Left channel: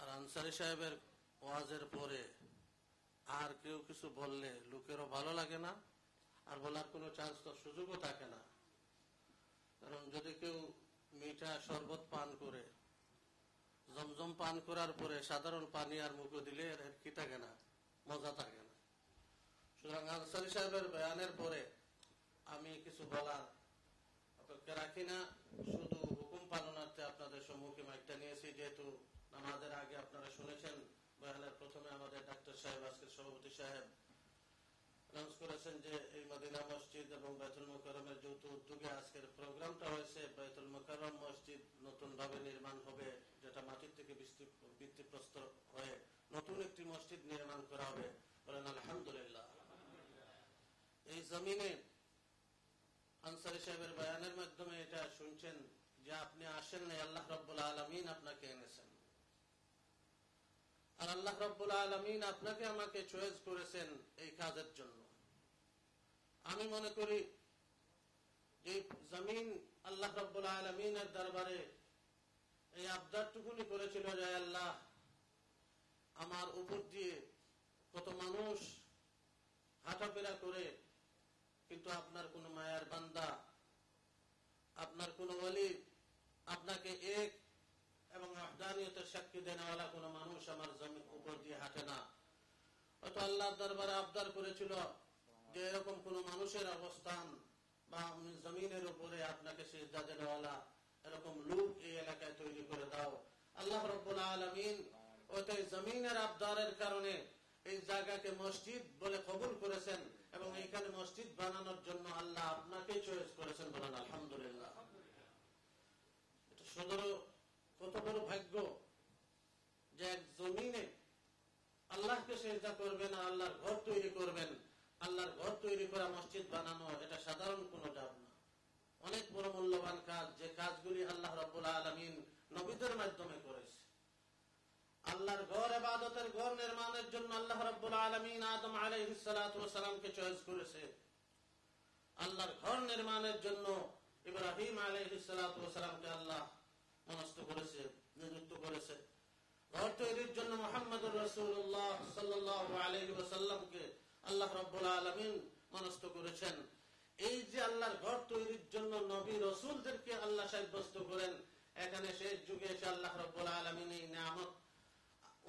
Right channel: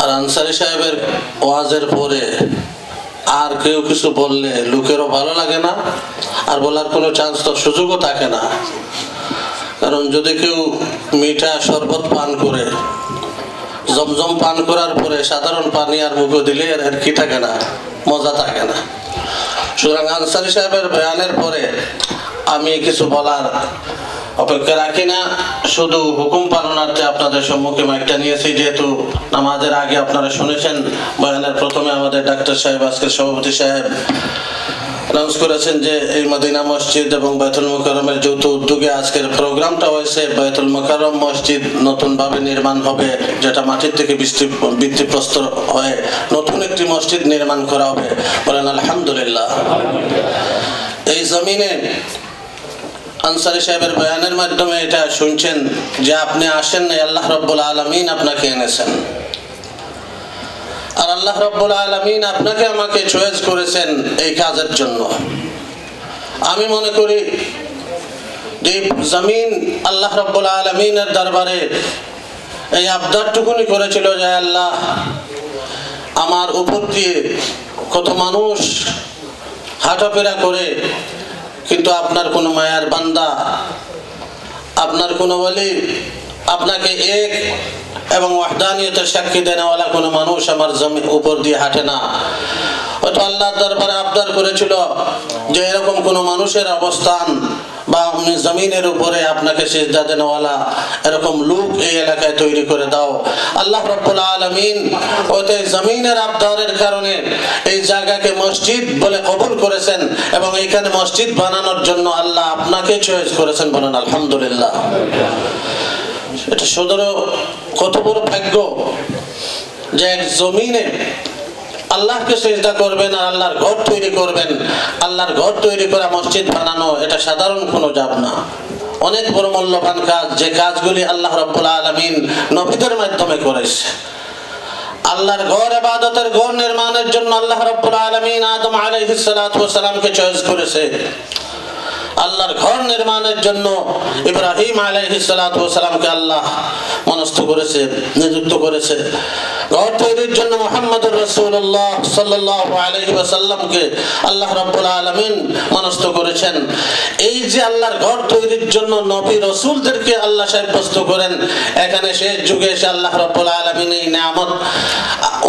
আর আনসারী সাহেবের ওয়াজের পরে আর কেউ কিছু বললে লোকেরও ভালো লাগে না, আর বলার কোনো চান্স তো সুযোগও থাকে না। কারণ যদি কেউ মিঠা শরবত পান করে, জমজম পান করার পরে সাধারণ পানি আর মুখে দিলে আর কি থাকে না, মজা থাকে না। সুতরাং আনসারী সাহেবের বয়ানের পরে আমি কিছু বলার অপেক্ষা রাখি না, শুধু হুকুম পালনার্থে আপনাদের সম্মুখে মাইকটা নিয়েছি। যেহেতু নামাজের আগে আপনারা শুনেছেন বয়ানের প্রথমে আমাদের ডাক্তার সাহেব, আজকের সভাপতি সাহেব অ্যানাউন্স করেছেন যে এই মদিনা মসজিদ এবং বাইতুল মুকাররমের যৌথ উদ্যোগে আজকের প্রোগ্রামটা হয়েছে। বাইতুল মুকাররম মসজিদ নতুনভাবে নির্মাণ হবে, যেটা মাটির থেকে ভিত্তিপ্রস্তর হয়ে নতুন একটি মসজিদ নির্মাণ করা হবে। বলেন আলহামদুলিল্লাহ। এই জমিনে আনসারী সাহেবের বয়ানের মাধ্যমে এটা শুনছেন যে আপনি আসেন নাই, আল্লাহ রাব্বুল আলামিন আপনাকে এনেছেন। আর আল্লাহ রাব্বুল আলামিন আপনাকে আমাকে চয়েস করেছেন এই কাজের জন্য। আমি মনে করি যে জমিন আল্লাহ রাব্বুল আলামিনের দরবারে এই আবদারটুকুনি করেছিল যে আল্লাহ, আমার উপর দিয়ে কত মানুষ হাঁটাফেরা করে, কিন্তু আপনার কোন মায়ার বান্দা, আপনার কোন ওয়ালি, আপনাকে এক এবং ওয়াহদানিয়তের সাক্ষী দেনেওয়ালা কোনো মানুষ আমার জমিন উপর দিয়ে হাঁটে না। হয়তো আল্লাহর দরবারে আবদার করেছিল যে এরকম কোন মানুষের অবস্থান বা জমিনের উপরে আপনাকে সিজদা দেনেওয়ালা এরকম লোক এই এলাকায় তৈরি করে দাও। আল্লাহ রাব্বুল আলামিন ওই জমিনের আবদারের কারণে এই জায়গাকে মসজিদ বলে কবুল করেছেন এবং এখানে মসজিদ বানানোর জন্য আল্লাহ আপনাকে চয়েস করেছেন। বলেন আলহামদুলিল্লাহ। এটা সদর কত বড় ভাগ্য যে এক জমিনে আল্লাহকে সিজদা করবেন আর আল্লাহর ঘর তৈরি করবেন। আল্লাহর ঘর তৈরি করা, মসজিদ বানানো, এটা সাধারণ কোনো জাব না, অনেক বড় মূল্যবান কাজ, যে কাজগুলি আল্লাহ রাব্বুল আলামিন নবীদের মাধ্যমে করেছে। আল্লাহর ঘর, ইবাদতের ঘর নির্মাণের জন্য আল্লাহ রাব্বুল আলামিন আদম আলাইহিস সালাতু ওয়াস সালামকে চয়েস করেছে। আল্লাহর ঘর নির্মাণের জন্য ইব্রাহিম আলাইহিস সালাতু ওয়াস সালামকে আল্লাহ মনস্থ করেছে, নিযুক্ত করেছে। ঘর তৈরির জন্য মুহাম্মদুর রাসূলুল্লাহ সাল্লাল্লাহু আলাইহি ওয়াসাল্লামকে আল্লাহ রাব্বুল আলামিন মনস্থ করেছেন। এই যে আল্লাহর ঘর তৈরির জন্য নবী রাসূলদেরকে আল্লাহ সাব্যস্ত করেন, এখানে শেষ যুগে এসে আল্লাহ রাব্বুল আলামিন এই নিয়ামত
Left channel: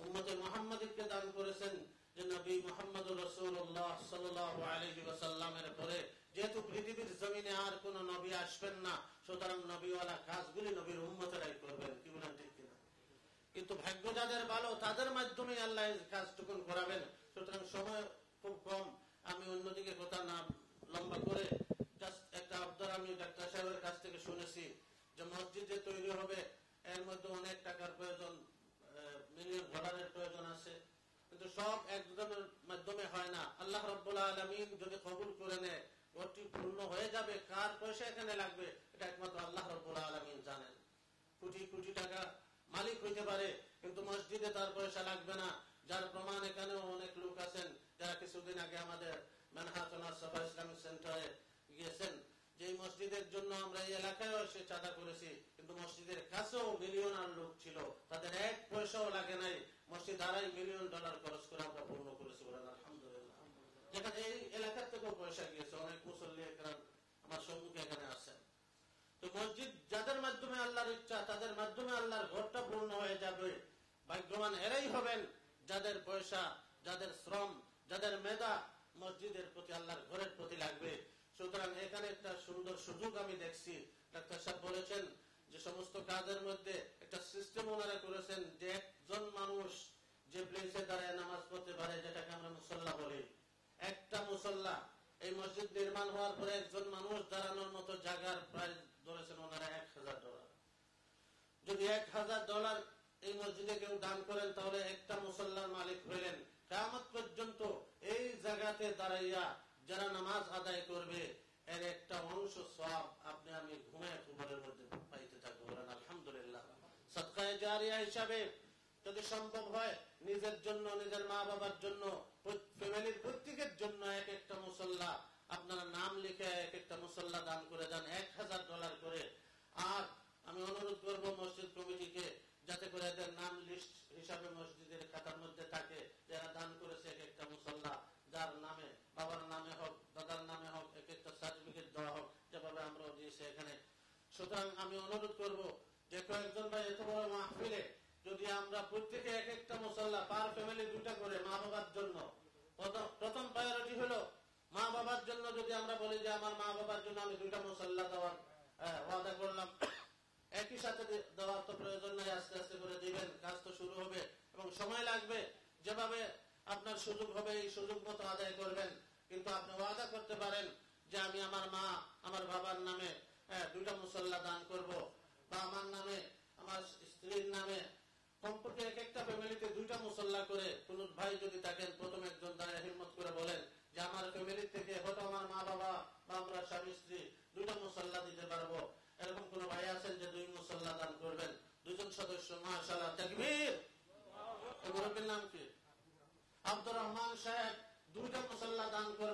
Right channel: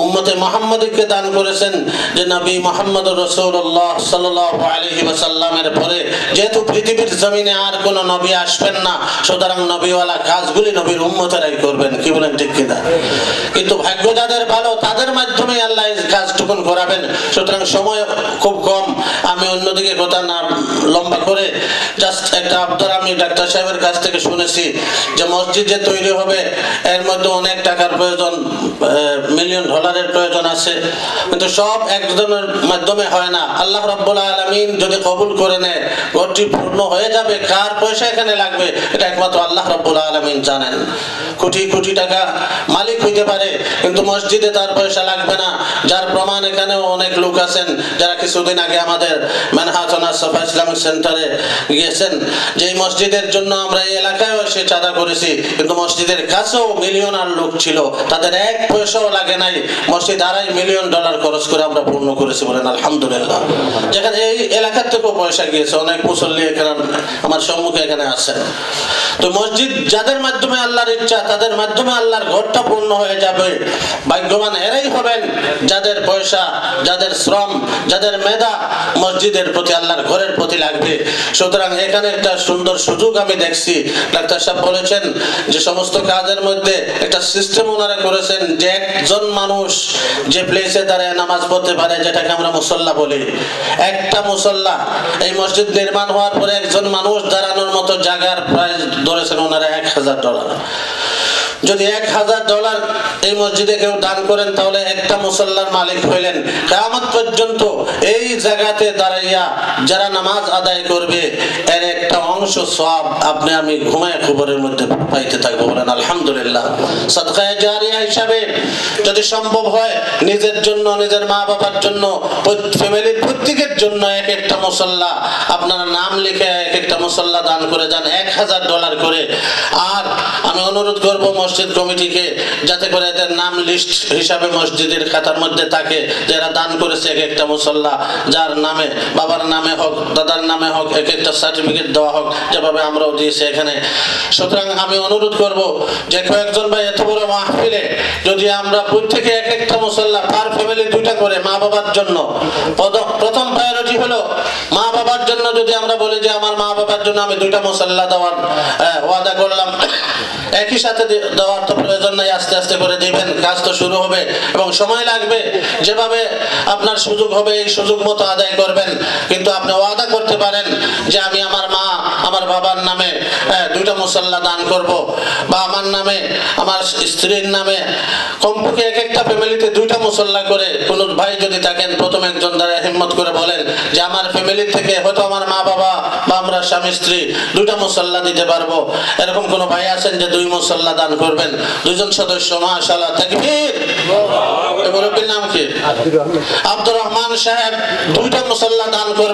উম্মতে মুহাম্মাদীকে দান করেছেন যে নবী মুহাম্মদুর রাসূলুল্লাহ সাল্লাল্লাহু আলাইহি ওয়াসাল্লামের পরে যেহেতু পৃথিবীর জমিনে আর কোন নবী আসবেন না, সুতরাং নবীওয়ালা কাজগুলি নবীর উম্মতেরাই করবেন। কি বলেন, ঠিক কিনা? কিন্তু ভাগ্য যাদের ভালো, তাদের মাধ্যমে আল্লাহ এই কাজটুকুন করাবেন। সুতরাং সময় খুব কম, আমি অন্যদিকে কথা না লম্বা করে জাস্ট একটা আবদার আমি ডাক্তার সাহেবের কাছ থেকে শুনেছি যে মসজিদ যে তৈরি হবে এর মধ্যে অনেক টাকার প্রয়োজন, $মিলিয়ন প্রয়োজন আছে, কিন্তু সব একজনের মাধ্যমে হয় না। আল্লাহ রাব্বুল আলামিন যদি কবুল করে নেয়, ঘরটি পূর্ণ হয়ে যাবে। কার পয়সা এখানে লাগবে এটা একমাত্র আল্লাহ রাব্বুল আলামিন জানেন। কোটি কোটি টাকা মালিক হইতে পারে, কিন্তু মসজিদে তার পয়সা লাগবে না। যার প্রমাণ এখানে অনেক লোক আছেন যারা কিছুদিন আগে আমাদের মানহাটন সাফা ইসলামিক সেন্টারে গিয়েছেন, যে এই মসজিদের জন্য আমরা এই এলাকায় এসে চাঁদা করেছি, কিন্তু মসজিদের কাছেও মিলিয়নার লোক ছিল, তাদের এক পয়সাও লাগে নাই। মসজিদ $2.5 মিলিয়ন খরচ করে আমরা পূর্ণ করেছি। বলেন আলহামদুলিল্লাহ। যেখানে এই এলাকার থেকেও পয়সা গিয়েছে, অনেক মুসল্লি এখানে আমার সম্মুখে এখানে আছেন। তো মসজিদ যাদের মাধ্যমে আল্লাহর ইচ্ছা, তাদের মাধ্যমে আল্লাহর ঘরটা পূর্ণ হয়ে যাবে। ভাগ্যবান এরাই হবেন যাদের পয়সা, যাদের শ্রম, যাদের মেধা মসজিদের প্রতি, আল্লাহর ঘরের প্রতি লাগবে। সুতরাং এখানে একটা সুন্দর সুযোগ আমি দেখছি। ডাক্তার সাহেব বলেছেন যে সমস্ত কাজের মধ্যে একটা সিস্টেম ওনারা করেছেন যে একজন মানুষ যে প্লেসে দাঁড়ায় নামাজ পড়তে পারে, যেটাকে আমরা মুসল্লা বলি। একটা মুসল্লা এই মসজিদ নির্মাণ হওয়ার পরে একজন মানুষ দাঁড়ানোর মতো জায়গার প্রাইস ধরেছেন ওনারা $1000। যদি $1000 এই মসজিদে কেউ দান করেন, তাহলে একটা মুসল্লার মালিক হইলেন। কিয়ামত পর্যন্ত এই জায়গাতে দাঁড়াইয়া যারা নামাজ আদায় করবে, এর একটা অংশ সওয়াব আপনি আমি ঘুমায় কবরের মধ্যে পাইতে থাকবো। বলেন আলহামদুলিল্লাহ। সাদকায়ে জারিয়া হিসাবে যদি সম্ভব হয় নিজের জন্য, নিজের মা বাবার জন্য, ফ্যামিলির প্রত্যেকের জন্য এক একটা মুসল্লা আপনারা নাম লিখে এক একটা মুসল্লা দান করে যান, $1000 করে। আর আমি অনুরোধ করব মসজিদ কমিটিকে যাতে করে এদের নাম লিস্ট হিসাবে মসজিদের খাতার মধ্যে থাকে, যারা দান করেছে এক একটা মুসল্লা, যার নামে, বাবার নামে হোক, দাদার নামে হোক, এক একটা সার্টিফিকেট দেওয়া হোক, যেভাবে আমরাও দিয়েছি এখানে। সুতরাং আমি অনুরোধ করব যে কয়েকজন ভাই এত বড় মাহফিলে যদি আমরা প্রত্যেকে এক একটা মুসল্লা পার ফ্যামিলি 2টা করে মা বাবার জন্য, প্রথম প্রায়োরিটি হলো মা বাবার জন্য। যদি আমরা বলি যে আমার মা বাবার জন্য আমি 2টা মুসল্লা দেওয়ার ওয়াদা করলাম, একই সাথে দেওয়ার তো প্রয়োজন নাই, আস্তে আস্তে করে দিবেন, কাজ তো শুরু হবে এবং সময় লাগবে। যেভাবে আপনার সুযোগ হবে এই সুযোগ মতো আদায় করবেন, কিন্তু আপনি ওয়াদা করতে পারেন যে আমি আমার মা, আমার বাবার নামে 2টা মুসল্লা দান করব, বা আমার নামে, আমার স্ত্রীর নামে, কমপক্ষে এক একটা ফ্যামিলিতে 2টা মুসল্লা করে। কোন ভাই যদি থাকেন, প্রথম একজন দ্বারা হিম্মত করে বলেন যে আমার ফ্যামিলি থেকে হয়তো আমার মা বাবা বা আমরা স্বামী স্ত্রী 2টা মুসল্লা দিতে পারবো। এরকম কোন ভাই আছেন যে 2 মুসল্লা দান করবেন? 2জন সদস্য, মাশাআল্লাহ, তাকবীর। এই মুরব্বির নাম কি? আব্দুর রহমান সাহেব 2টা মুসল্লা দান করবেন।